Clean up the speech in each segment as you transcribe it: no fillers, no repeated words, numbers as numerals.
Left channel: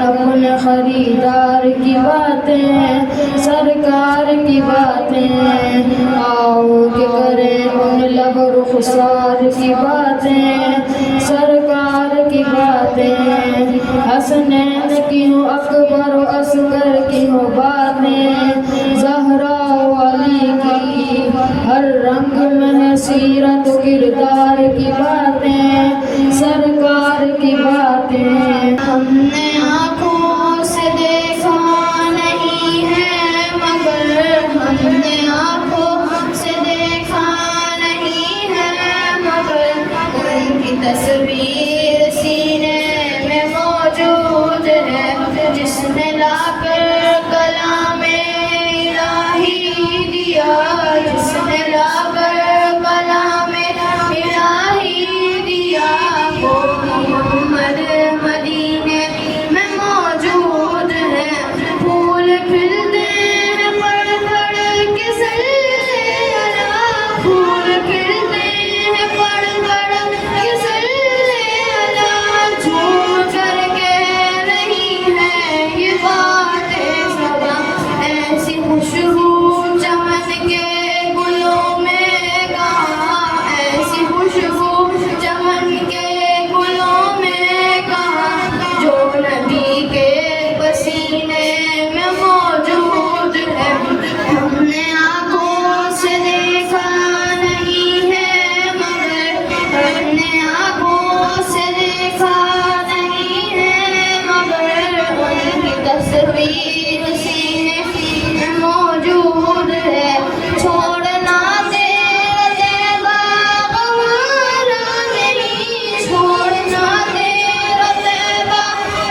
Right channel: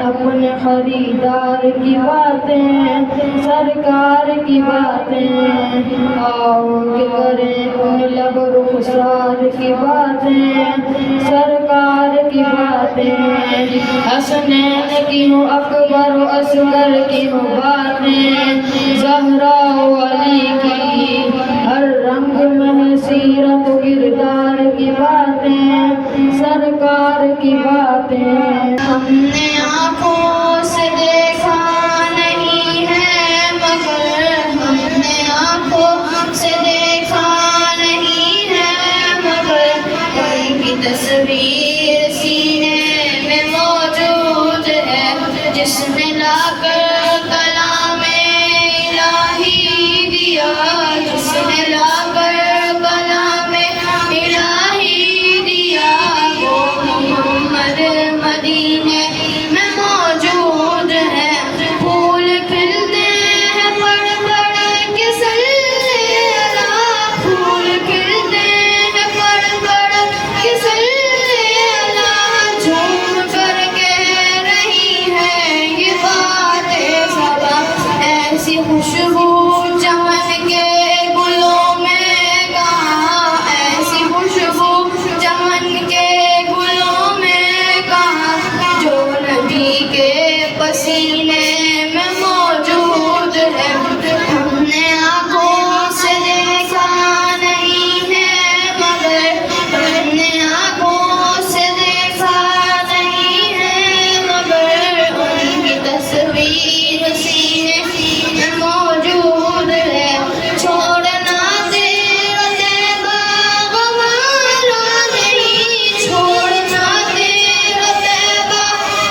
अपने खरीदार की बातें, सरकार की बातें, आओ के करें उन लब रुखसार की बातें, सरकार की बातें, हसनैन की हो अकबर असगर की हो बातें, ज़हरा अली की हर रंग में सीरत किरदार की बातें, सरकार की बातें। हमने आँखों से देखा नहीं है मगर, हमने आँखों से देखा नहीं है मगर, उनकी तस्वीर सीने में मौजूद है, जिसने लाकर कलामे इलाही दिया, जिसने लाकर कलामे इलाही दिया, वो मोहम्मद मदीने में मौजूद है। फूल खिलते हैं पड़ पड़ के सल्ले अला, फूल खिलते हैं पड़ पड़ के सल्ले अला, झूम कर कह रही है ये बातें सबा, ऐसी खुशबू चमन के गुलों में कहाँ, ऐसी खुशबू चमन के गुलों में कहाँ, जो नबी के पसीने में मौजूद है। हमने आँखों से देखा नहीं है मगर, हमने आँखों से देखा नहीं है मगर, उनकी तस्वीर सीने में मौजूद है। छोड़ना तेरा तैबा गवारा नहीं, छोड़ना तेरा तैबा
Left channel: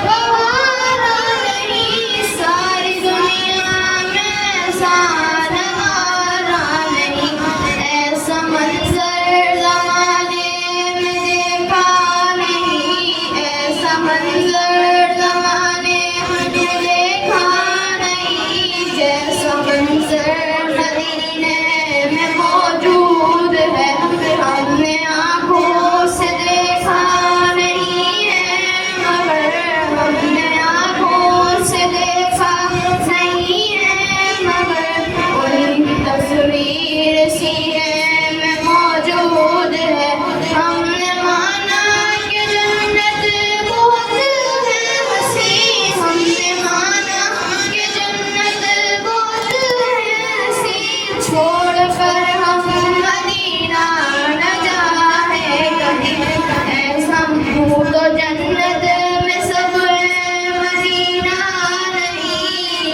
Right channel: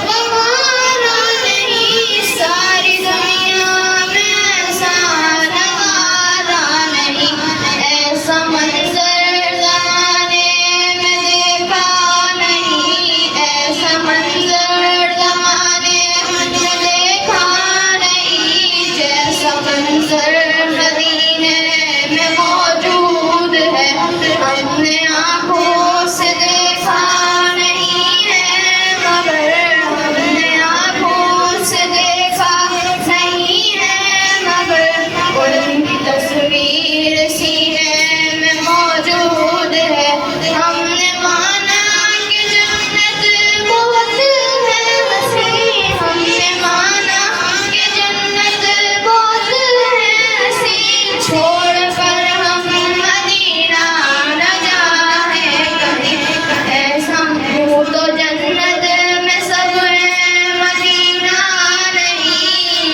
गवारा नहीं, सारी दुनिया में ऐसा नज़ारा नहीं, ऐसा मंजर ज़माने में देखा नहीं, ऐसा मंजर ज़माने में देखा नहीं, जैसा मंजर मदीने में मौजूद है। हमने आँखों से देखा नहीं है मगर, हमने आँखों से देखा नहीं है मगर, उनकी तस्वीर सीने में मौजूद है। हमने माना कि जन्नत बहुत है हसीन, हमने माना कि जन्नत बहुत है हसीन, छोड़कर हम मदीना न जाए कहीं, ऐसा यूं तो जन्नत में सब है मदीना नहीं,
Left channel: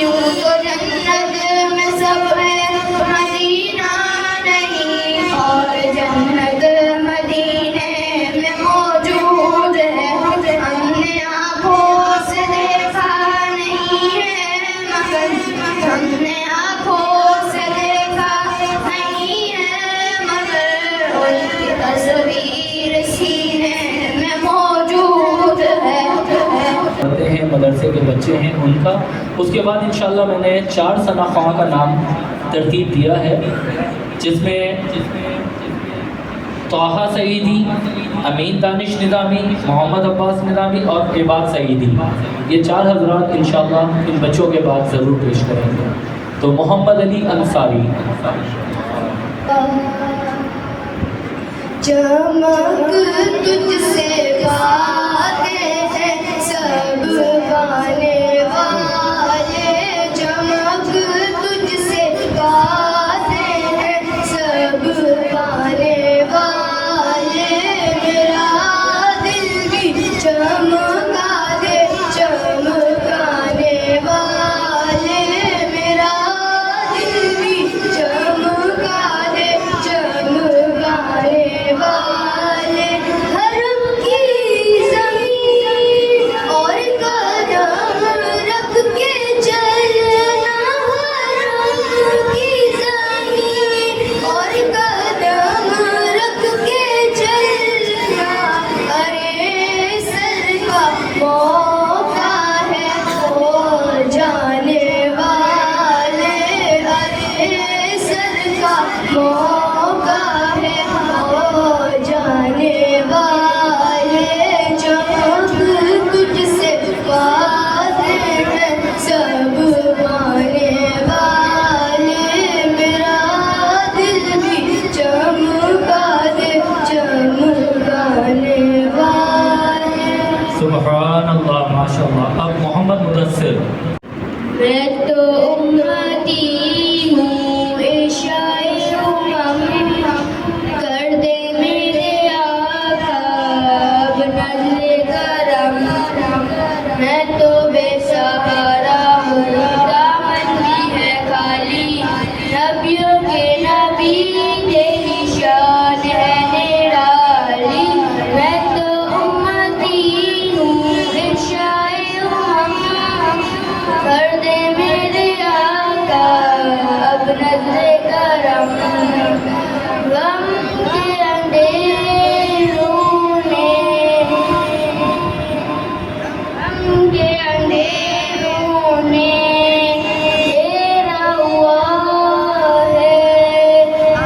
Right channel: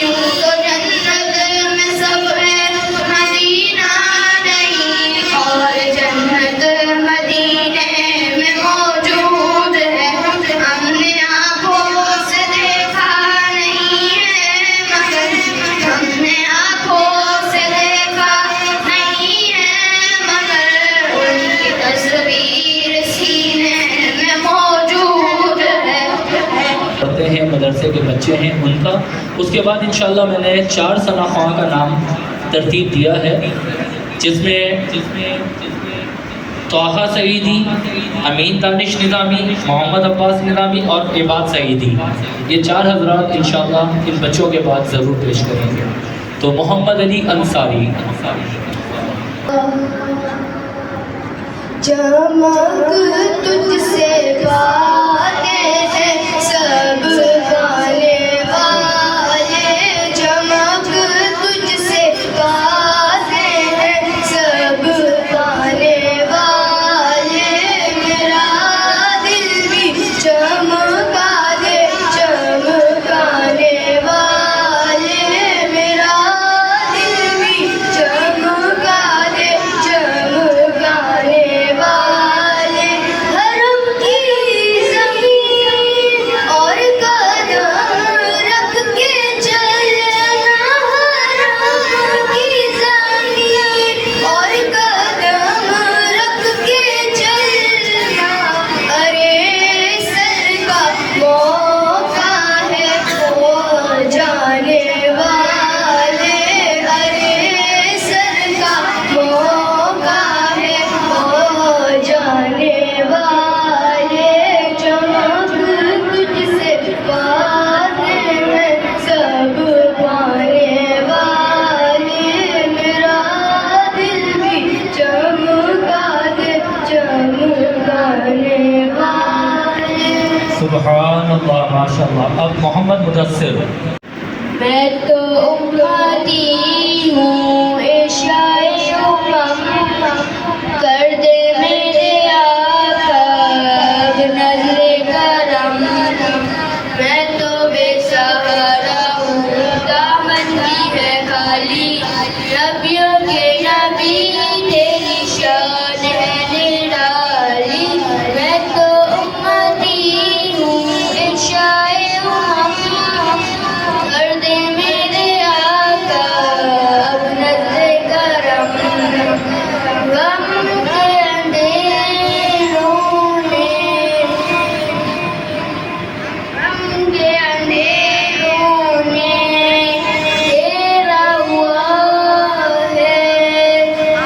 यूं तो जन्नत में सब है मदीना नहीं, और जन्नत मदीने में मौजूद है। हमने आँखों से देखा नहीं है मगर, हमने आँखों से देखा नहीं है मगर, उनकी तस्वीर सीने में मौजूद है। पढ़ते हैं मदरसे के बच्चे हैं उनका। उसके बाद इंशाल्लाह मैंने 4 सना ख्वाह का नाम तरतीब दिया है, जिसमें तोहा सईदी, अमीन दानिश निज़ामी, मोहम्मद अब्बास निज़ामी और इबाद सईदी, ये 4 हज़रात इंशाल्लाह इन बच्चों के बाद ज़रूर पेश करेंगे। तो मोहम्मद अली अंसारी। चमक तुझसे बातें हैं सब गाने वाले, चमक तुझसे बातें हैं सब गाने वाले, मेरा दिल भी चमका दे चमकाने वाले। मैं तो उम्मती हूँ इशाए उमम, कर दे मेरे आका अब नज़्रे करम। मैं तो बेसहारा हूँ दामन भी है खाली, नबियों के नबी तेरी शान है निराली। मैं तो उम्मती हूँ इशाए उमम, कर दे मेरे आका अब नज़्रे करम। गम के अंधेरों ने घेरा हुआ है,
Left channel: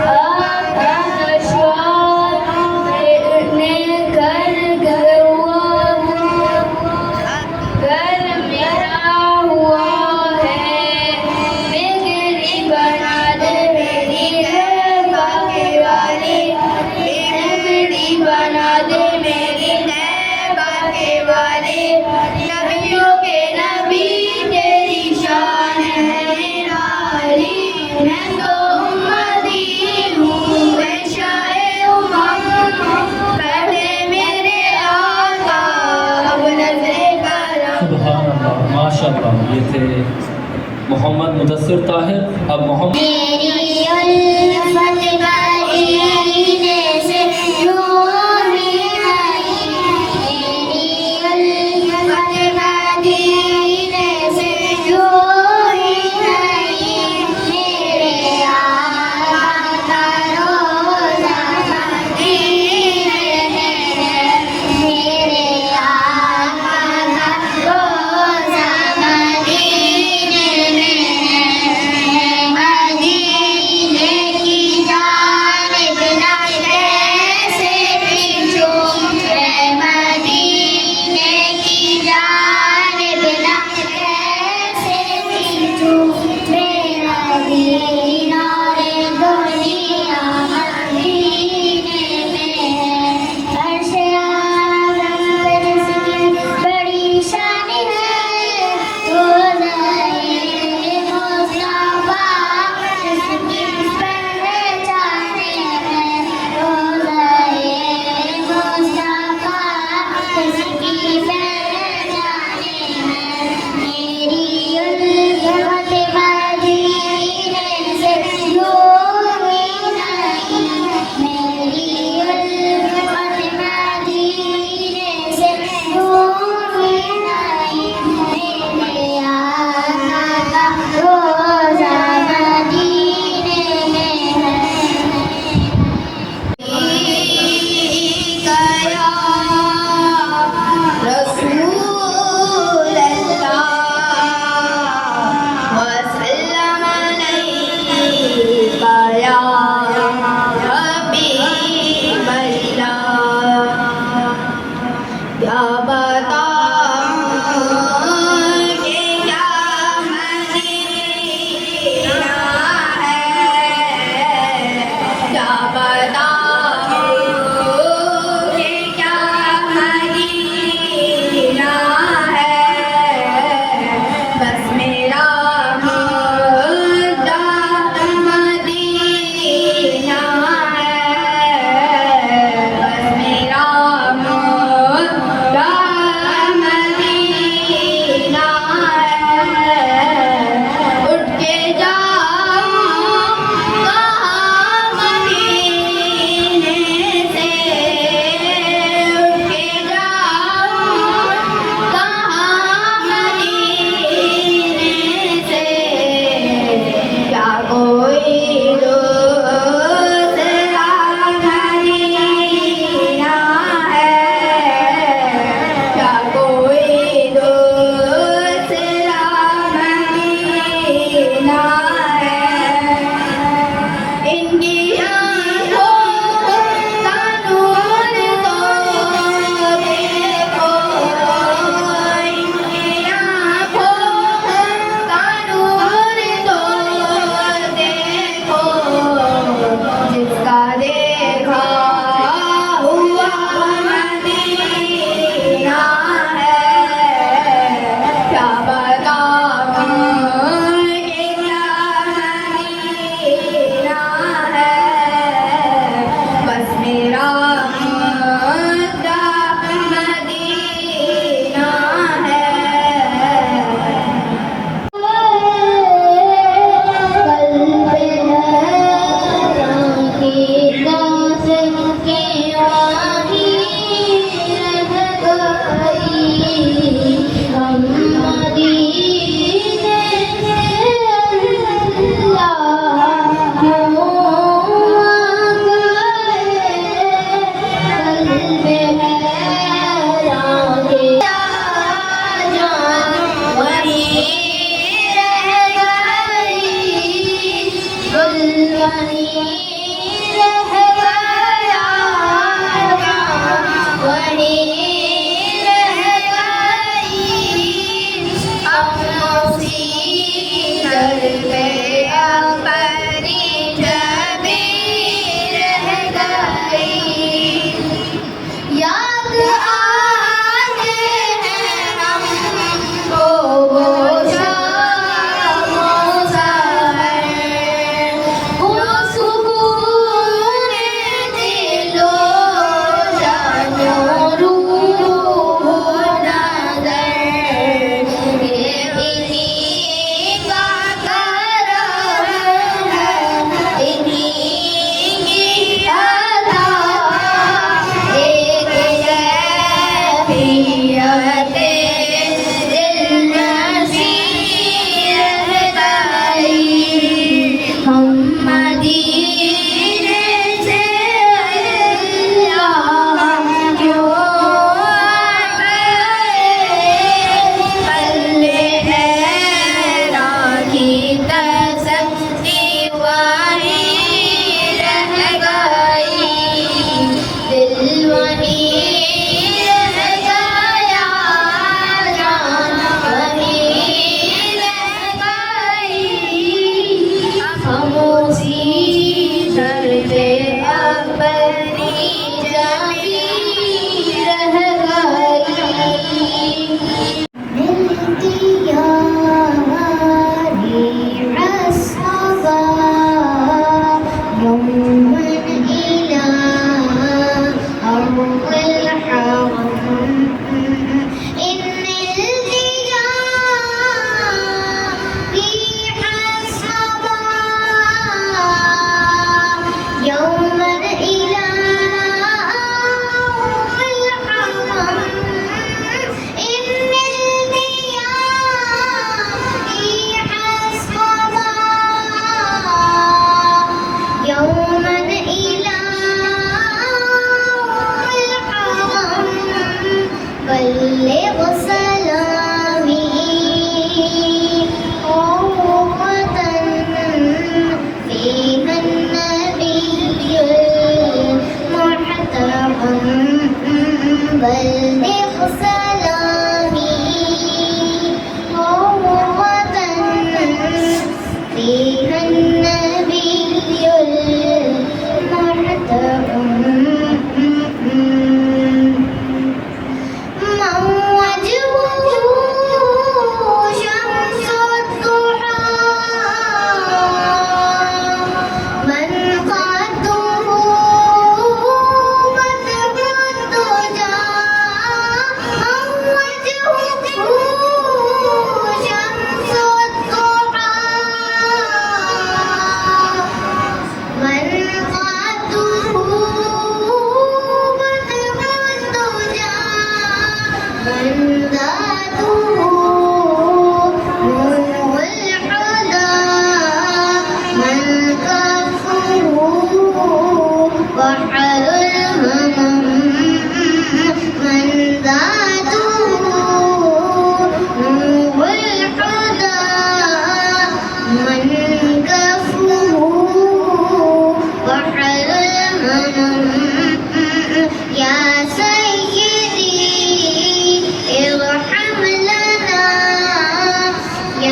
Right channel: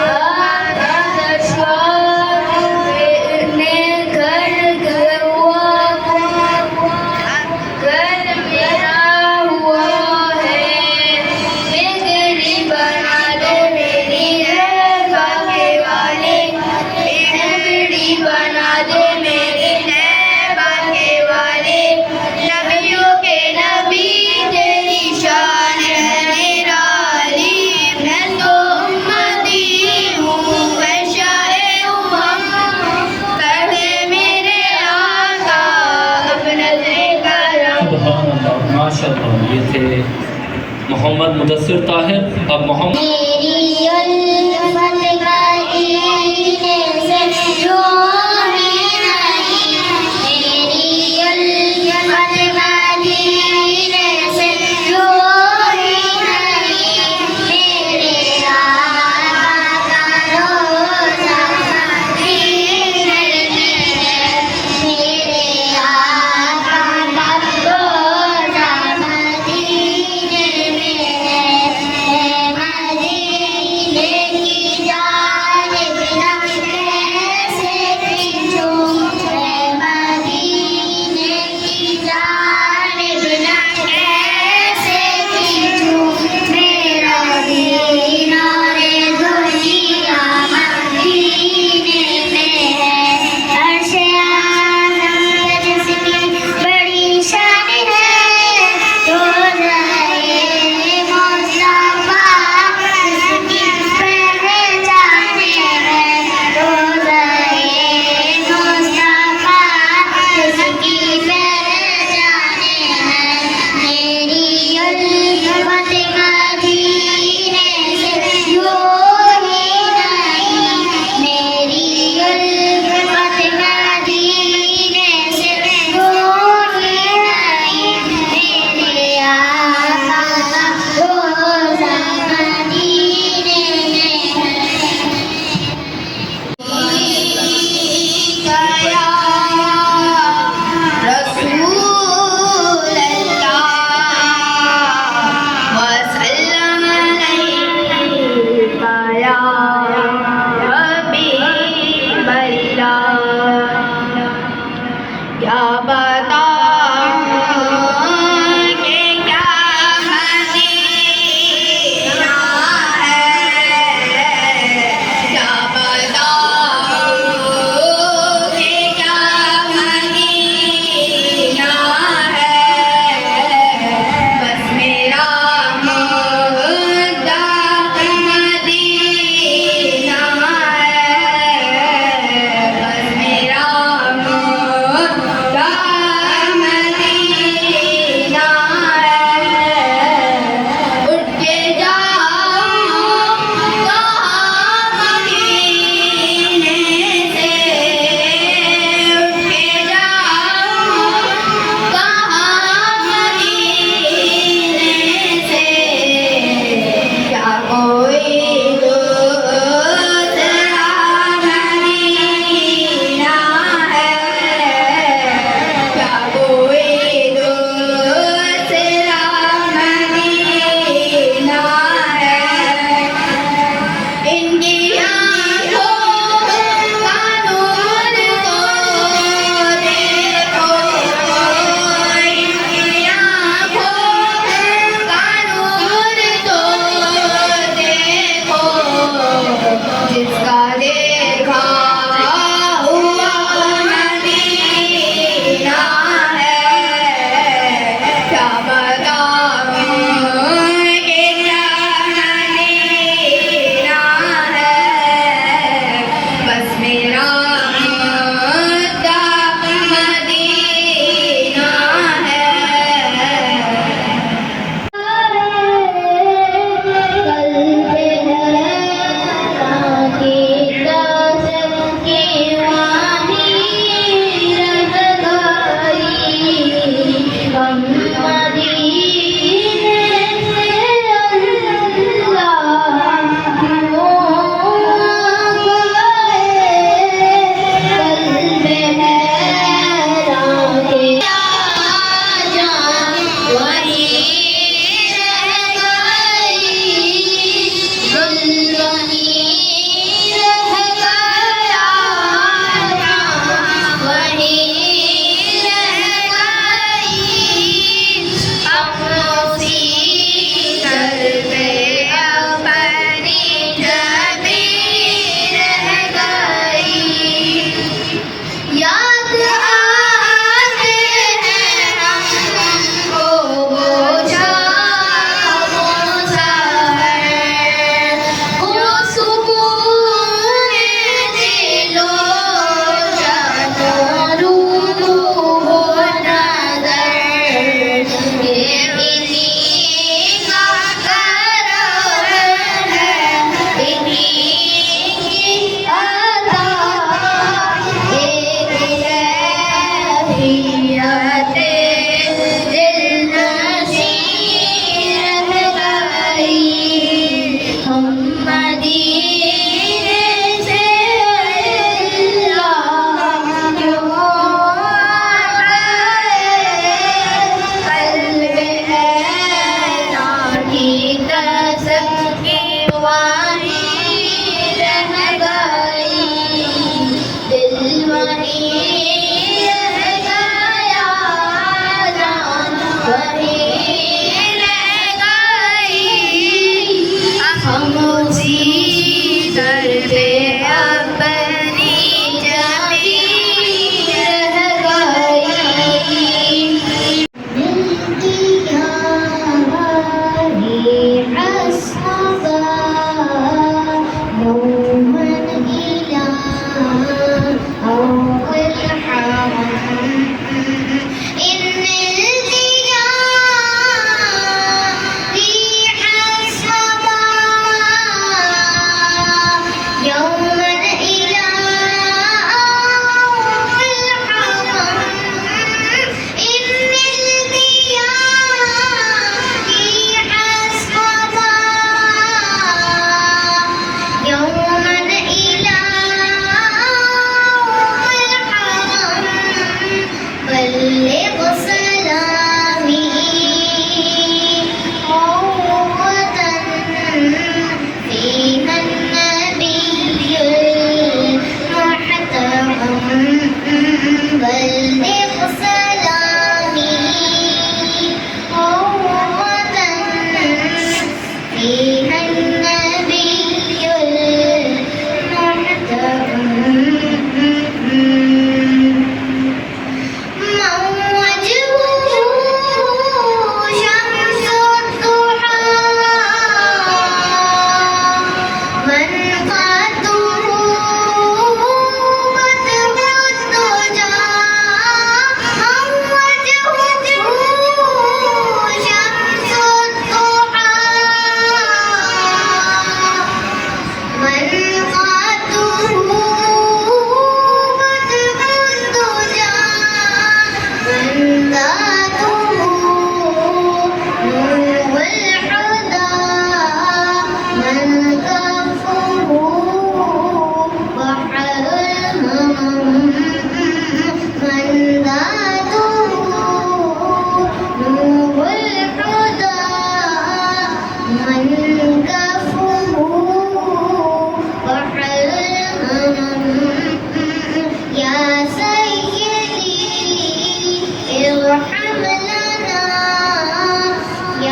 आका का श्वास ने घर घर हुआ, घर मेरा हुआ है। बिगड़ी बना दे मेरी है बाके वाले, बिगड़ी बना दे मेरी है बाके वाले। नबियों के नबी तेरी शान है निराली। मैं तो उम्मती हूँ वैशाए उमम, कर दे मेरे आका अब नज़्रे करम। सुभान अल्लाह, माशाअल्लाह। ये थे मोहम्मद मुदस्सिर ताहिर। अब मोहम्मद मेरी उल्फत मदीने से रूही आई, मेरी उल्फत मदीने से रूही आई। मेरे आका का रोज़ा मदीने में है, मेरे आका का रोज़ा मदीने में है। मदीने की जाने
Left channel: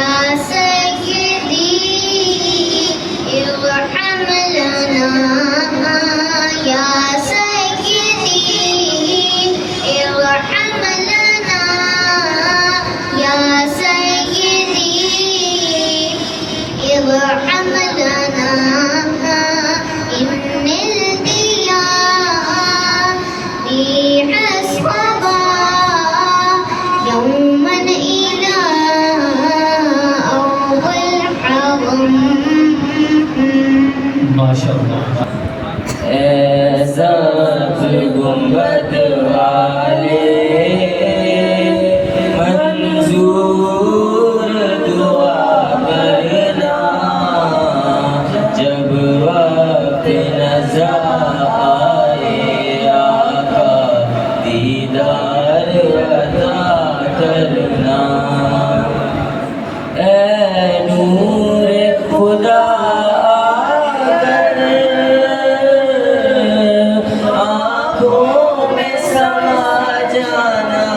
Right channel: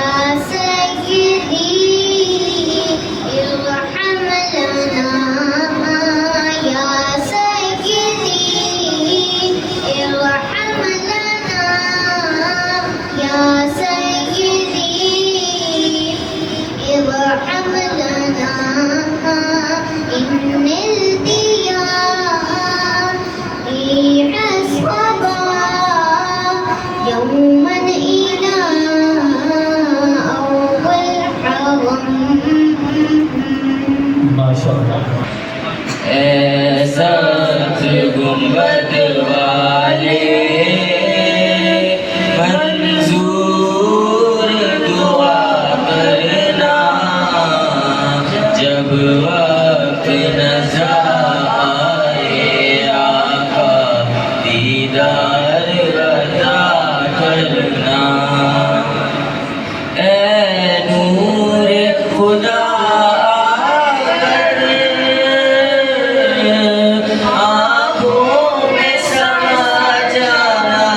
या सय्यदी इरहम लना या सय्यदी इरहम लना या सय्यदी इरहम लना इन्निल दिया बिहस्बा यौमन इला अव्वल हरम। माशाअल्लाह। ऐसा गुंबद वाले मंजूर दुआ करना जब वक्त नज़र आए आका दीदार अता करना। ऐ नूर खुदा आँखों में समा जाना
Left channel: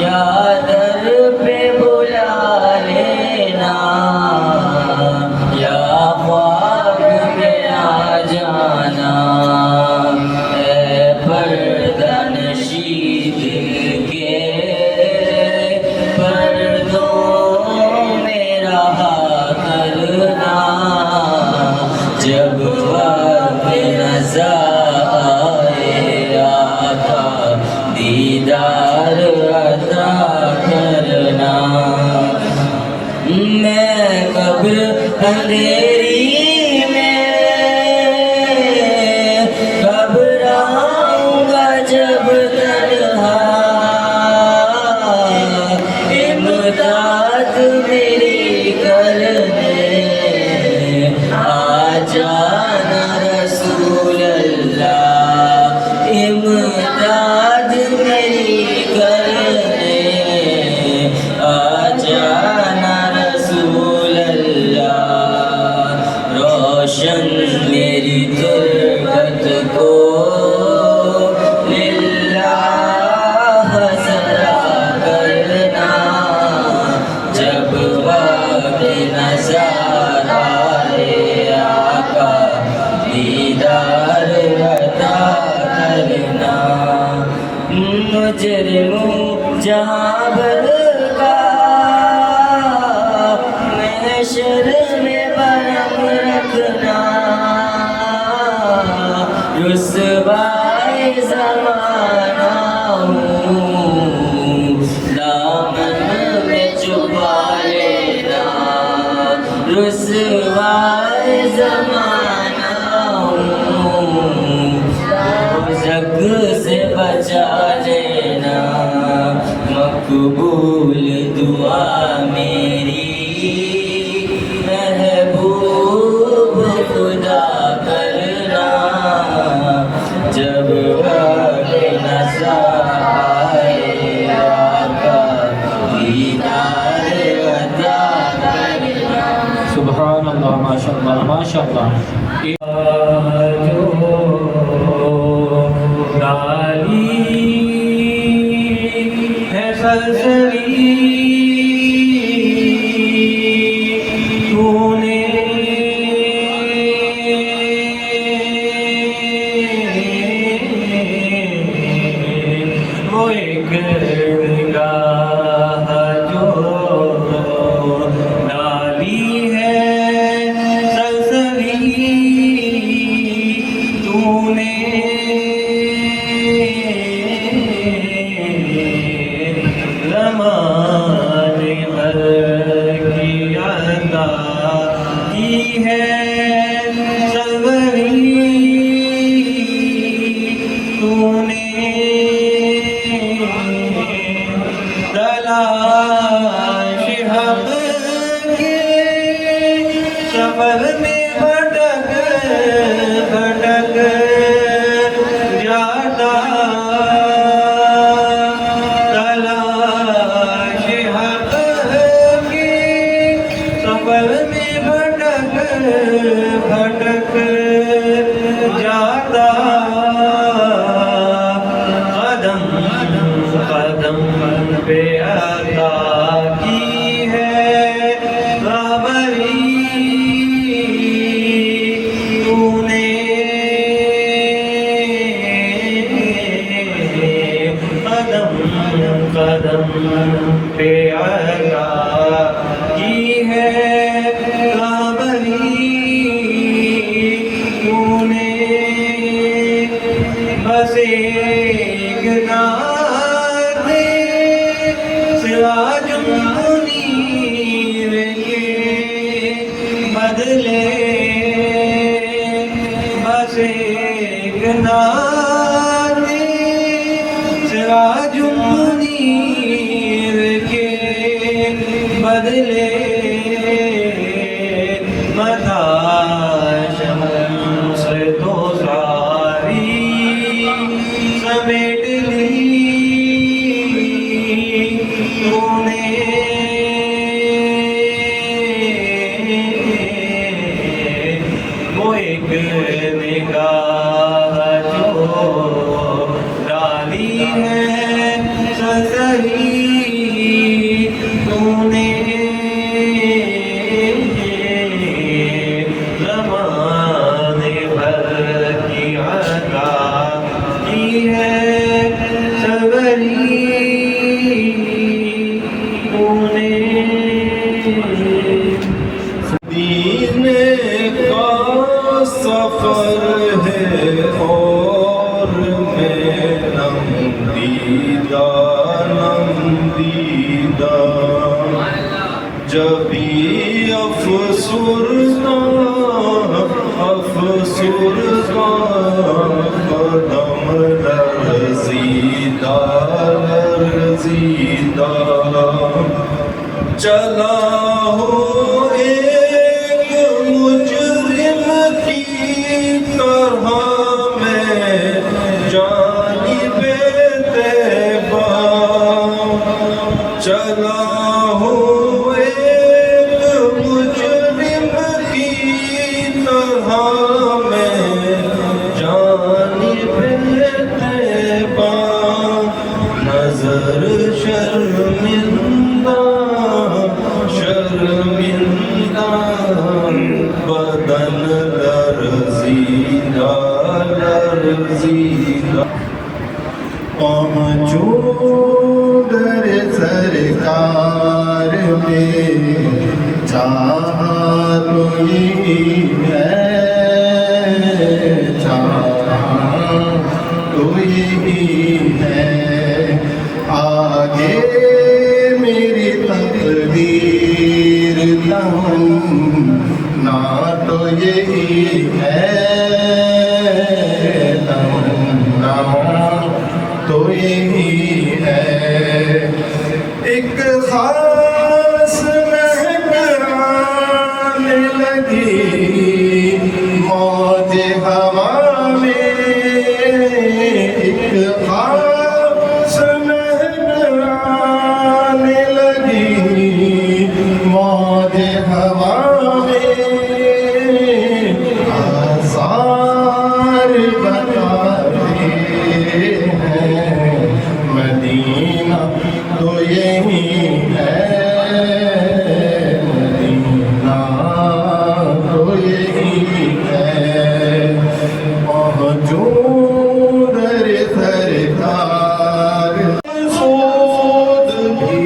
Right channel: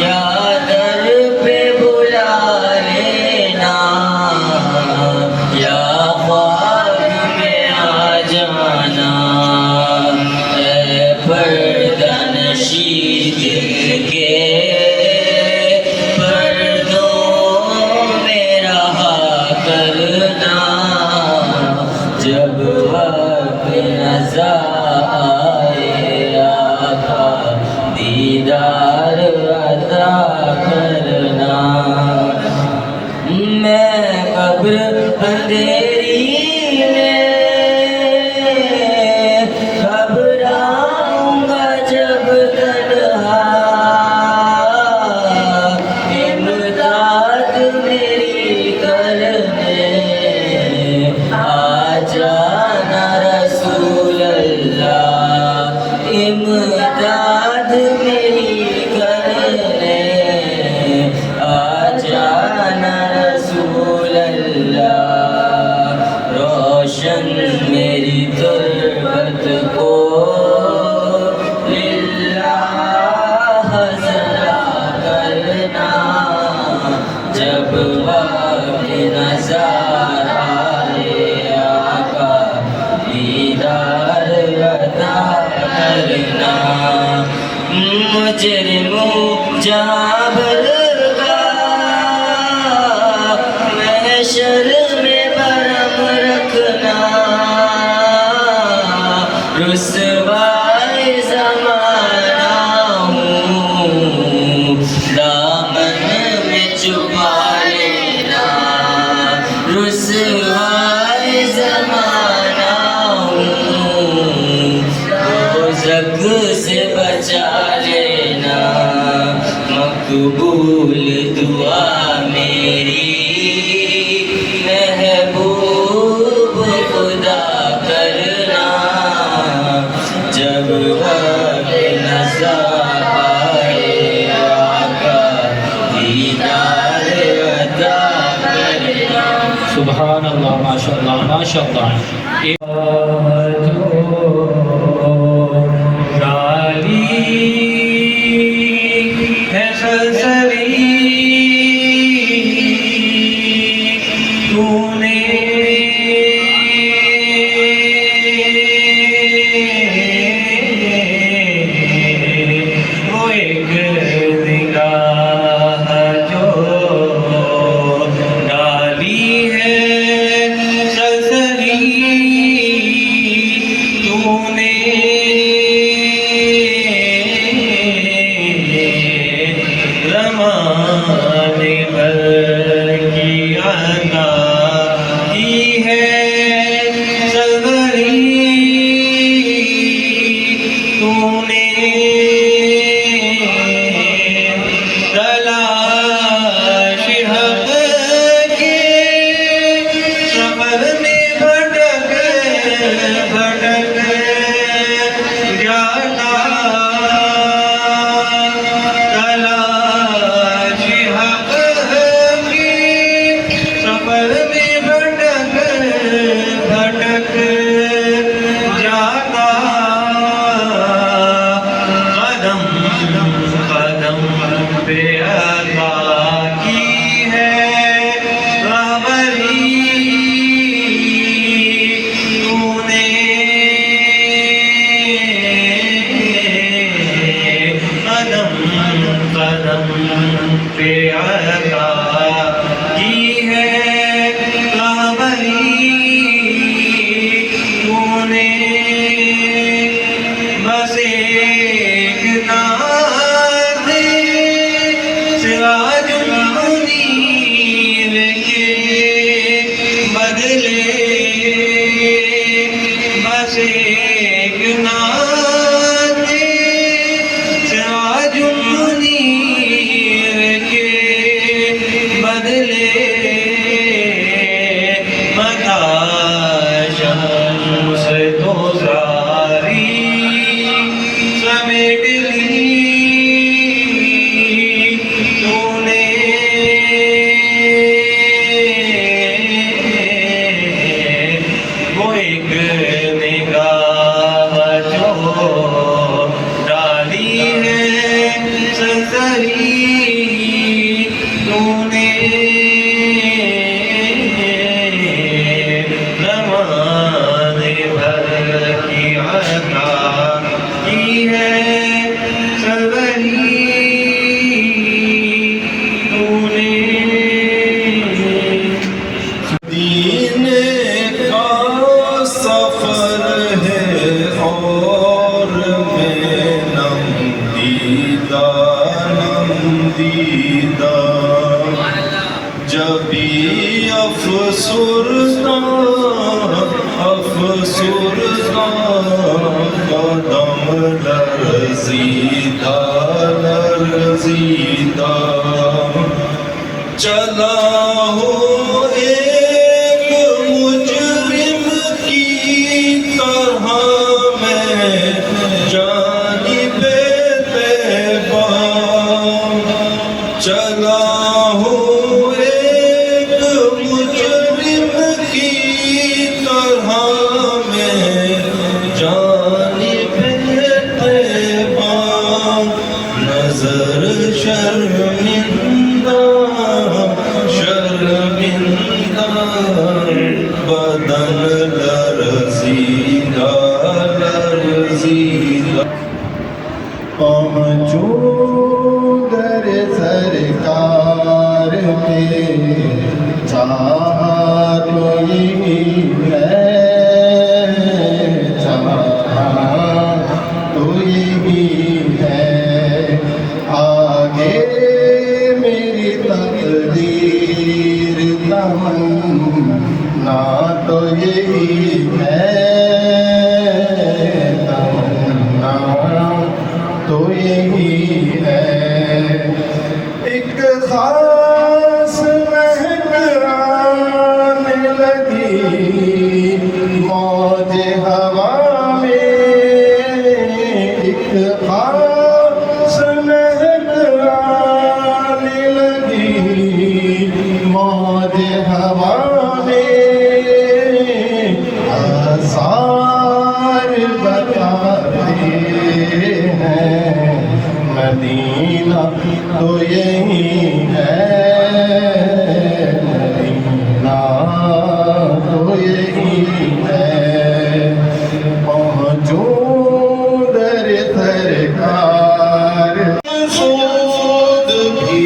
या दर पे बुला लेना या ख्वाब में आ जाना। ऐ पर्दा नशी दिल के पर्दों में रहा करना जब वक्त नज़र आए आका दीदार अता करना। मैं कब्र अंधेरी में घबराऊंगा जब तन्हा इमदाद मेरी करने आ जाना रसूल अल्लाह इमदाद मेरी करने आ जाना रसूल अल्लाह। रोशन मेरी तुर्बत को लिल्लाह ज़रा करना जब वक्त नज़र आए आका दीदार अता करना। मुजरिमों जाबर का महशर में बरम रखना रुसवाए ज़माना हूँ दामन में छुपा लेना रुसवाए ज़माना हूँ दोज़ख से बचा लेना। मकबूल दुआ मेरी महबूब खुदा करना जब वक्त नज़र आए आका दीदार अता करना। सुभान अल्लाह। माशाअल्लाह माशाअल्लाह। है सलसली तूने वो एक निगाह जो डाली है सलसली तूने ज़माने भर की अता की है सलसली तूने तलाश हक़ के सफ़र में भटक भटक जाता तलाश हक़ के सफ़र में भटक भटक जाता कदम कदम पे आता पे अता की है रहबरी तूने बस एक नाज़ सिराजुल मुनीर के बदले बस एक नाज़ सिराजुल मुनीर के बदले मथा शम्स तो सारी समेट ली तूने वो एक निगाह जो डाली है ससरी तूने ज़माने भर की अता की है सरवरी तूने दीन का सफर है और मैं नमदीदा जबी अफसुरदा कदम लरज़ीदा चला हो एक मुजरिम की तरह मैं जानिबे तैबा चला हो एक मुजरिम की तरह मैं जानिबे तैबा नजर शर्मिंदा बदन लरज़ीदा पहुँचूं दर सरकार में चाहा तो यही है चाहा तो यही है आगे मेरी तकदीर तमन्ना तो यही है तमन्ना तो यही है एक खास महक आने लगी मौज हवा में एक खास महक आने लगी मौज हवा में आसार बताते हैं मदीना तो यही है मदीना तो यही है पहुँचूं दर सरकार खुद भी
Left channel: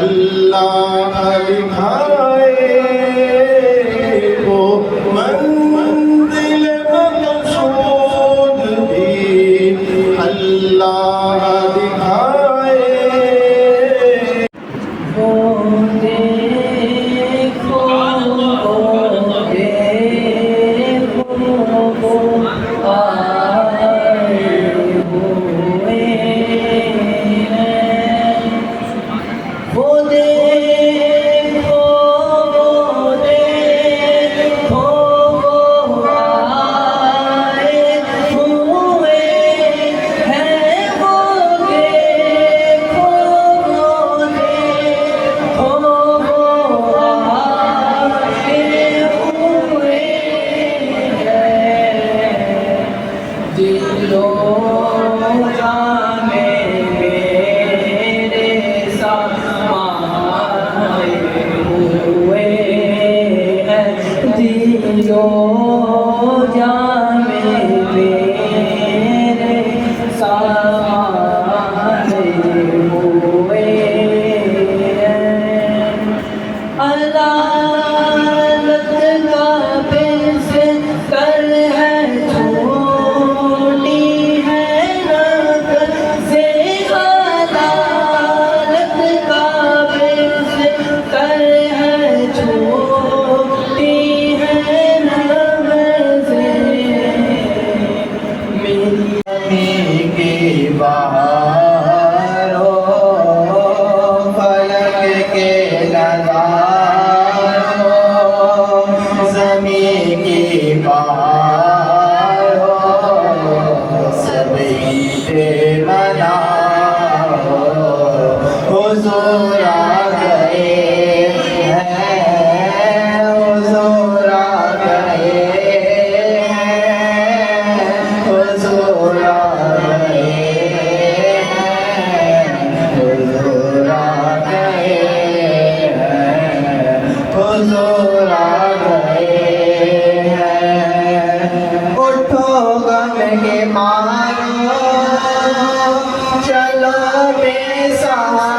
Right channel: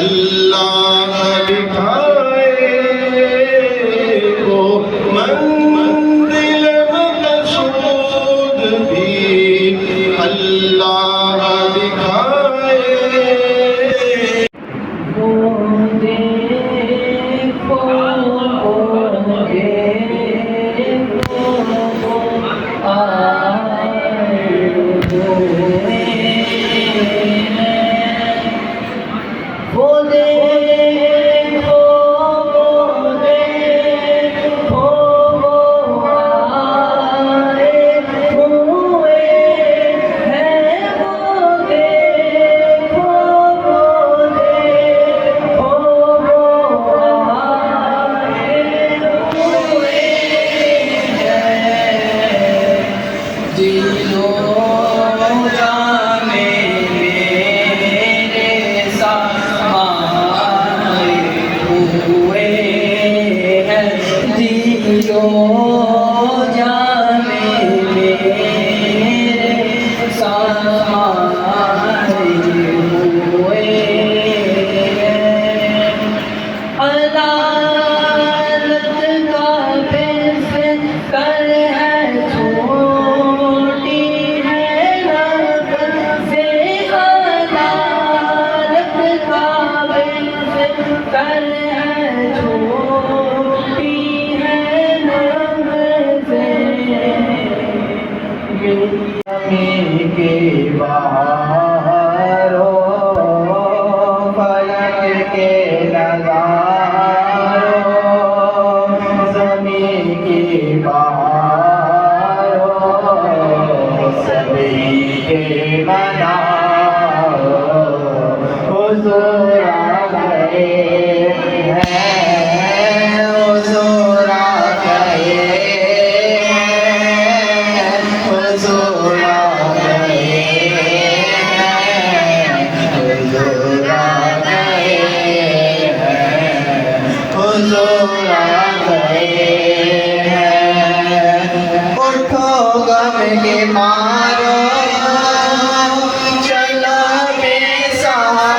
अल्लाह दिखाए वो मंजिल मकसूद भी अल्लाह दिखाए वो के नज़ारों ज़मीं की बहारों सभी के मनाओ हुज़ूर आ गए हैं हुज़ूर आ गए हैं हुज़ूर आ गए हैं हुज़ूर आ गए हैं हुज़ूर आ गए हैं उठो गम के मारो चलो बेसहारो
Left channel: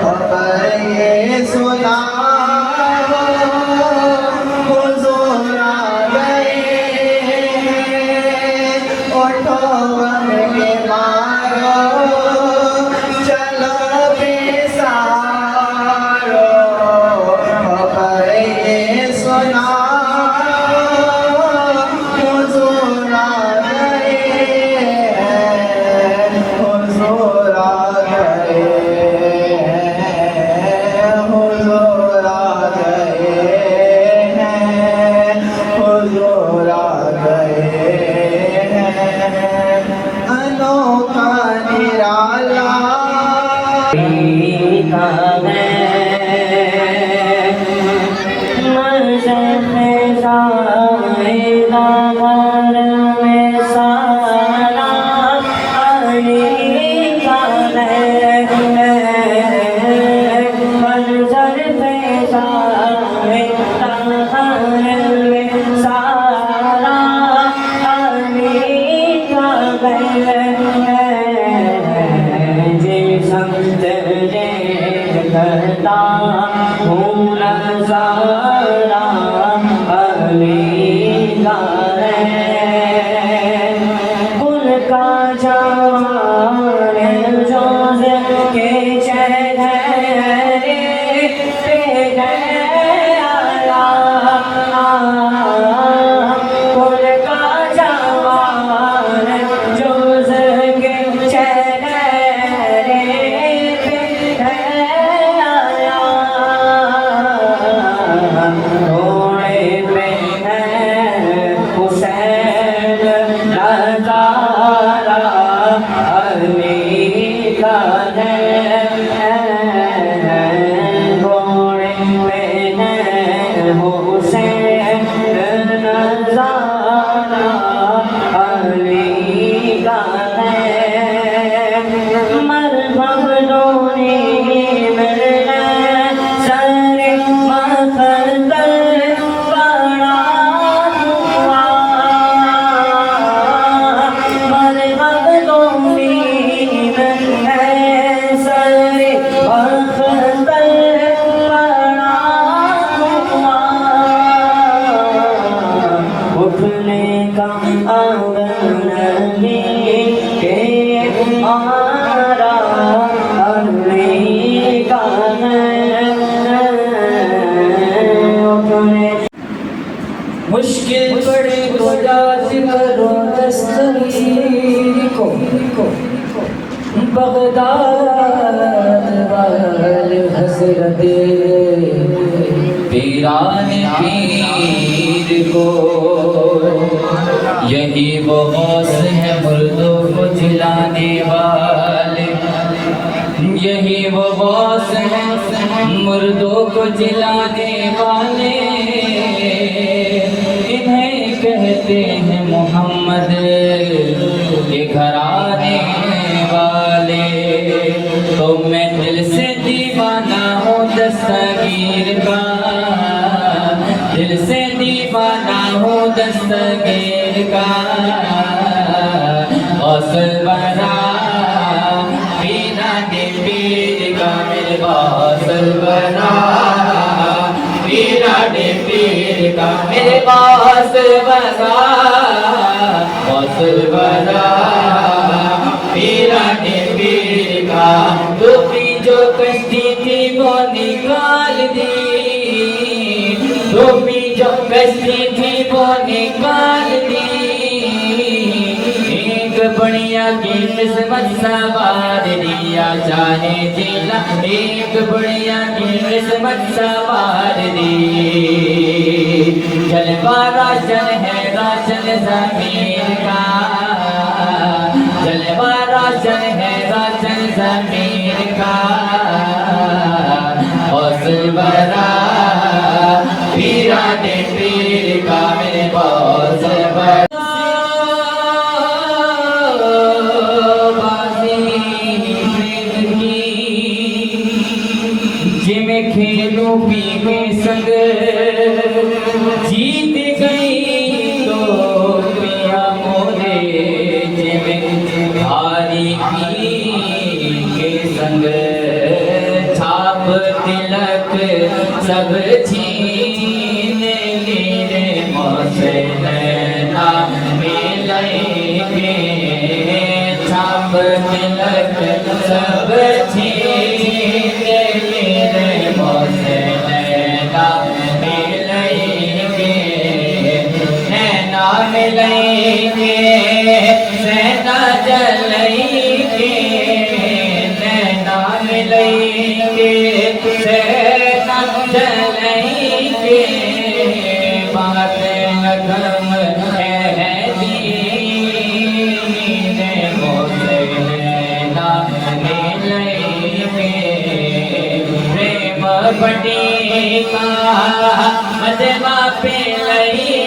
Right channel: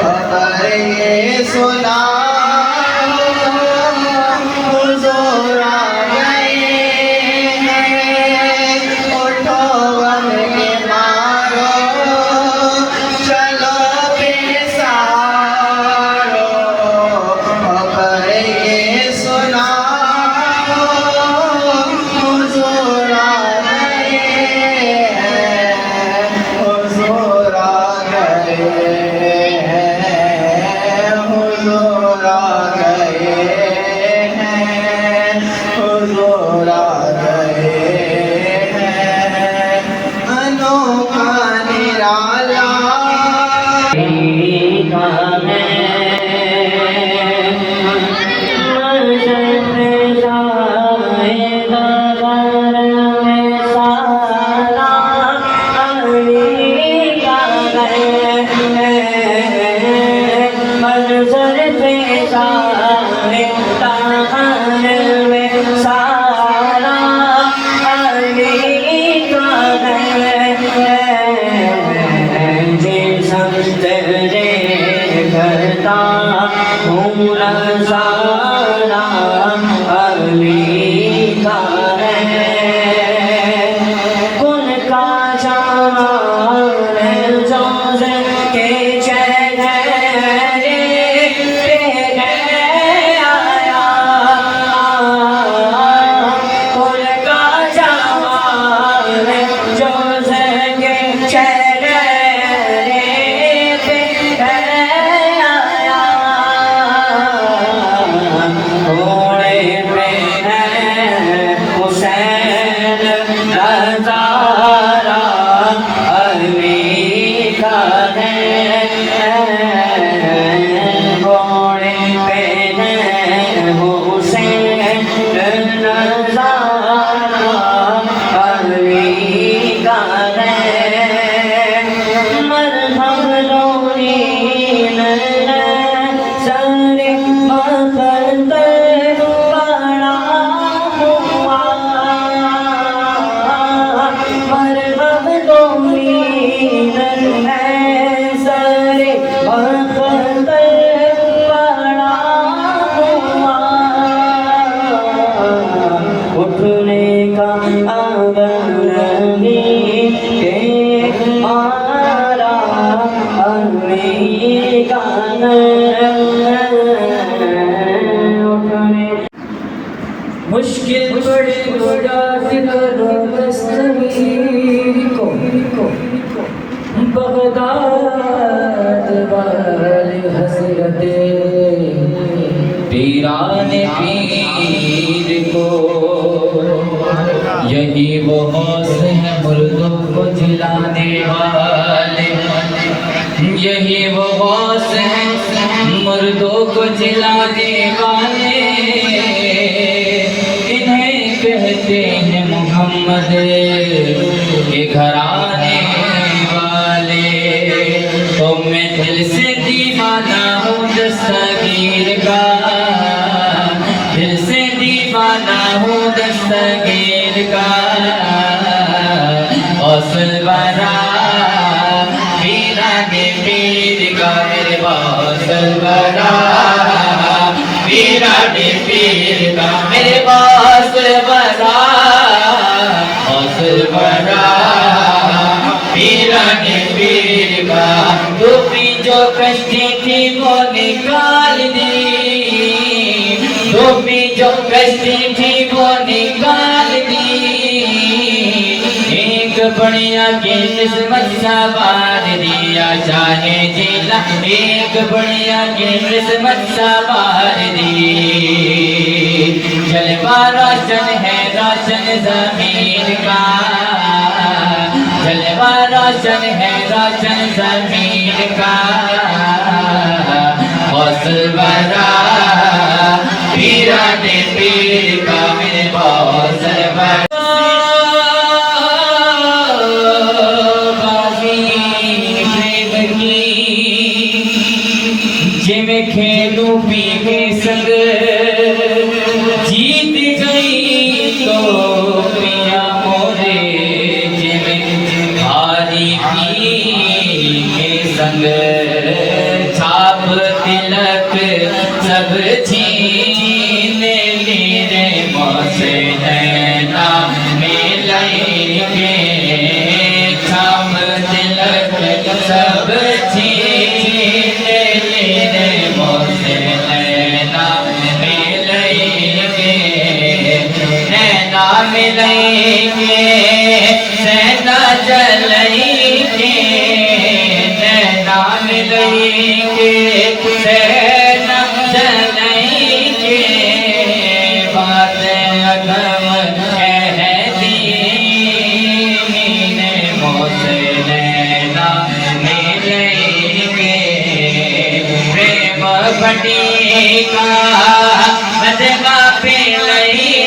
खबर ये सुनाओ हुज़ूर आ गए हैं उठो गम के मारो चलो बेसहारो खबर ये सुनाओ हुज़ूर आ गए हैं हुज़ूर आ गए हैं हुज़ूर आ गए हैं हुज़ूर आ गए हैं अनोखा निराला मुश्किल पड़े तो याद करो दस्तगीर को बगदाद वाले हसरत पीरान पीर को यही वो गौस है मुर्दों को जिलाने वाले यही वो गौस है मुर्दों को जिलाने वाले कहते हैं मोहम्मद के घराने वाले तो मैं दिल से दीवाना हूँ दस्तगीर का दिल से दीवाना हूँ दस्तगीर का औसल बना पीराने पीर का मेरे औसल बना पीराने पीर का मेरे पास बना औसल बना पीराने पीर का टोपी जो कश्ती थी वो निकाल दी टोपी जो कश्ती थी वो निकाल दी एक बुढ़िया की किस्मत सवार दिया चाहे जिला एक बुढ़िया की किस्मत सवार दी जलवा रोशन है रोशन जमीन का जलवा रोशन है रोशन जमीन का हौसल बरा पीरा दे पीर का मेरे हौसल बरा जिमें खेलूं पी के संग जीत गई तो पिया मोरे जिमें हारी पी के संग छाप तिलक सब छीन मेरे मौसे है ना मिलेंगे छाप तिलक सब छीन मेरे मौसे नैना मिलेंगे नैना मिलेंगे नैना चलेंगे नैना मिलेंगे नैना चलेंगे बात अगम है दीने मोसे नैना मिलेंगे प्रेम बटी का मजमा पे लई